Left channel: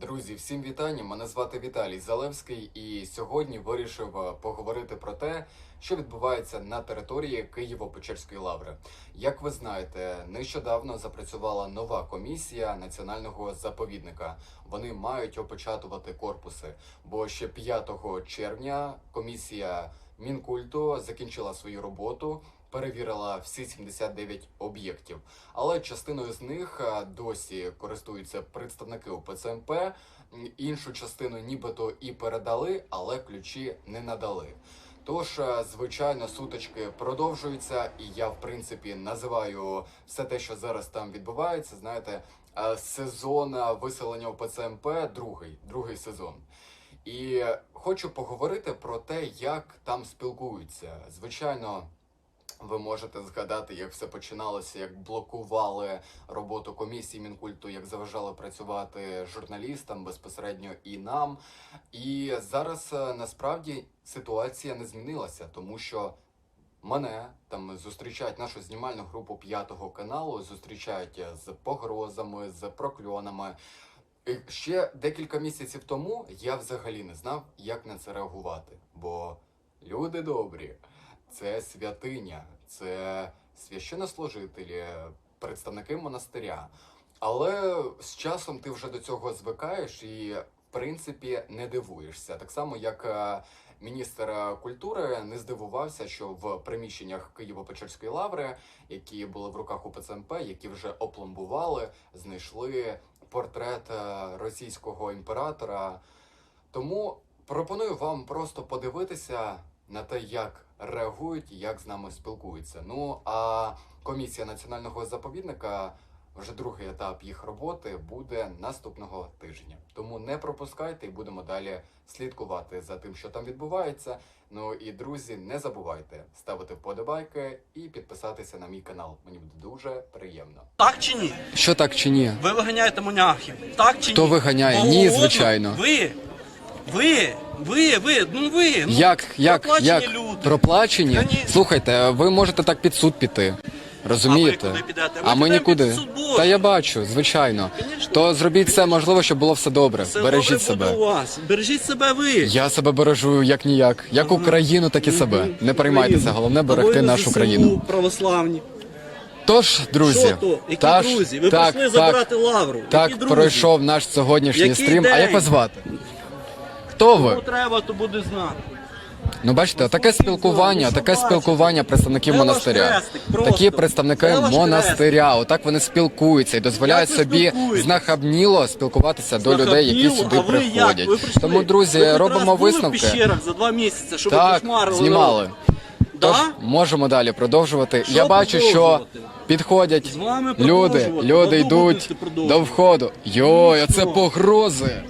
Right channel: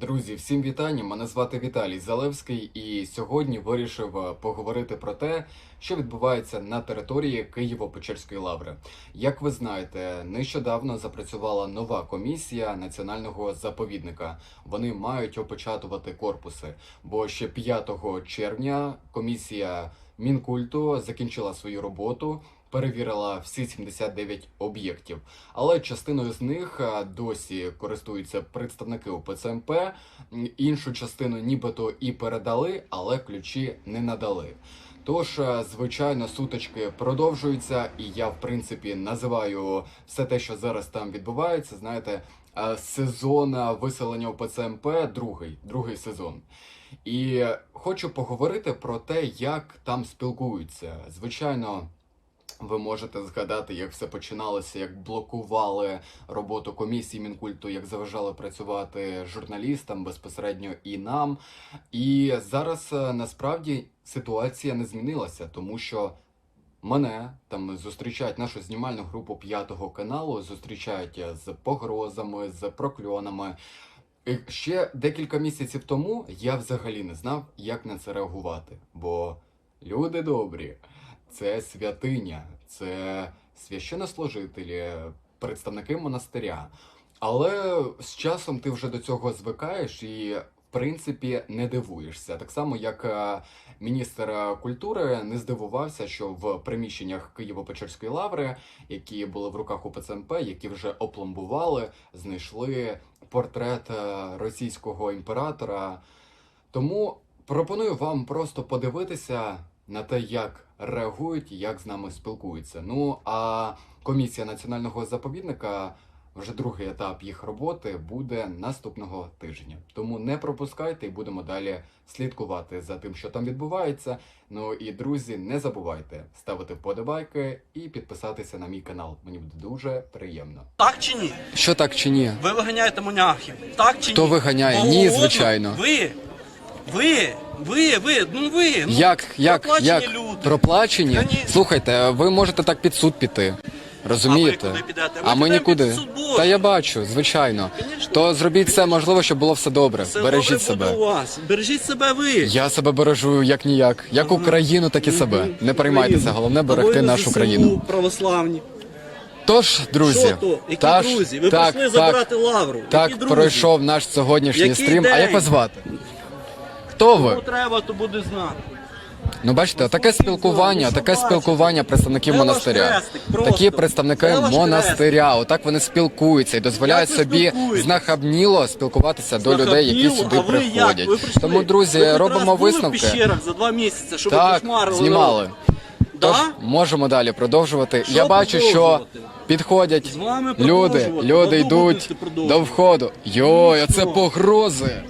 Друзі, всім вітання. Мене звати Віталій Залевський, і сьогодні вирішив е, поговорити про те, що відбувається на території Києво-Печерської лаври. Як ви знаєте, нещодавно запрацювала нова комісія національного заповідника. Вони мають опечатувати корпуси, бо ще 5 червня комісія Мінкульту закінчила свою роботу. Перевірила всі 79 об'єктів, але частиною з них е, досі користуються представники УПЦМП. Іншу частину нібито і передали, але ключі не надали. Тож, е, звичайно, сутички продовжуються, і я, в принципі, називаю все те, що зараз там відбувається. Знаєте, е, сезон виселення УПЦМП другий, другий сезон. І хочу поговорити про те, як там спілкуються. Звичайно, ви можете згадати, як все починалося, як блокували роботу комісії Мінкульту, як заважали працювати журналістам безпосередньо і нам. І зараз е, насправді ситуація не змінилася, тому що мене там зустрічають нашу знімальну групу п'ятого каналу, зустрічають з погрозами, з прокльонами. І ще декілька місяців тому я взагалі не знав, як на це реагувати. Бо люди добрі, це святиня, це священнослужителі, представники монастиря. Але з часом ти вже до цього звикаєш і, в принципі, не дивуєшся. Так само, як е, міністр е, культури не здивувався, що в приміщеннях Києво-Печерської лаври, які були в руках УПЦМП, які вже опломбували, знайшли портрет е, російського імператора. Тому пропоную вам просто подивитися на те, як реагують, як з нами спілкуються. Ну а комісія національного заповідника. Вже другий етап їх роботи буде наступного тижня. Тому не пропускайте і будемо далі слідкувати за тим, що там відбувається. Ну і друзі, не забувайте ставити вподобайки і підписатися на мій канал. Мені буде дуже приємно. Так чи ні? Що так чи ні? Ви виганяєте монахів. Так чи Хто ні? виганяє? Кого Ні, звичайно. Ви. Ви. Ви, ви, ну ви. Ну, Як, як, проплачені як люди. проплачені? Конечно. Слухайте, ви можете так під суд піти. Розумієте? А ви куди підете? А Ми ми підемо нікуди. під суд Божий. Та я бачу, звичайно. Конечно. То зробіть все можливо, щоб було все добре. Все Бережіть добре себе. буде у вас. Бережіть себе ви. Я себе бережу як ніяк, як Україну, так і себе. Не переймайтеся, головне берегти Воїни нашу ЗСУ, країну. православні. Тож, друзі, Що то? Які та друзі? Ви так, прийшли так, забирати лавру. так Які друзі? пройшов наш сьогоднішній Який стрім. А як вас звати? Хто Кому треба, то буде знати. Ну бачите, таке спілкування, таке спілкування представників ваш монастиря. хрестик? Просто. Такі представники ваш монастиря. Отак вони спілкуються і дозволяють Як ви собі спілкуєтесь? знахабніло спілкуватися до людей, які сюди а ви як? приходять. Ви прийшли? Тому, друзі, ви хоч робимо раз були висновки. за два місяці, щоб Так, кошмарили знімали. Тож можемо далі продовжувати. Що Я бачу, що продовжувати? підходять З вами люди, продовжувати. люди Давно йдуть будете продовжувати. до входу. Йой, а це погрози.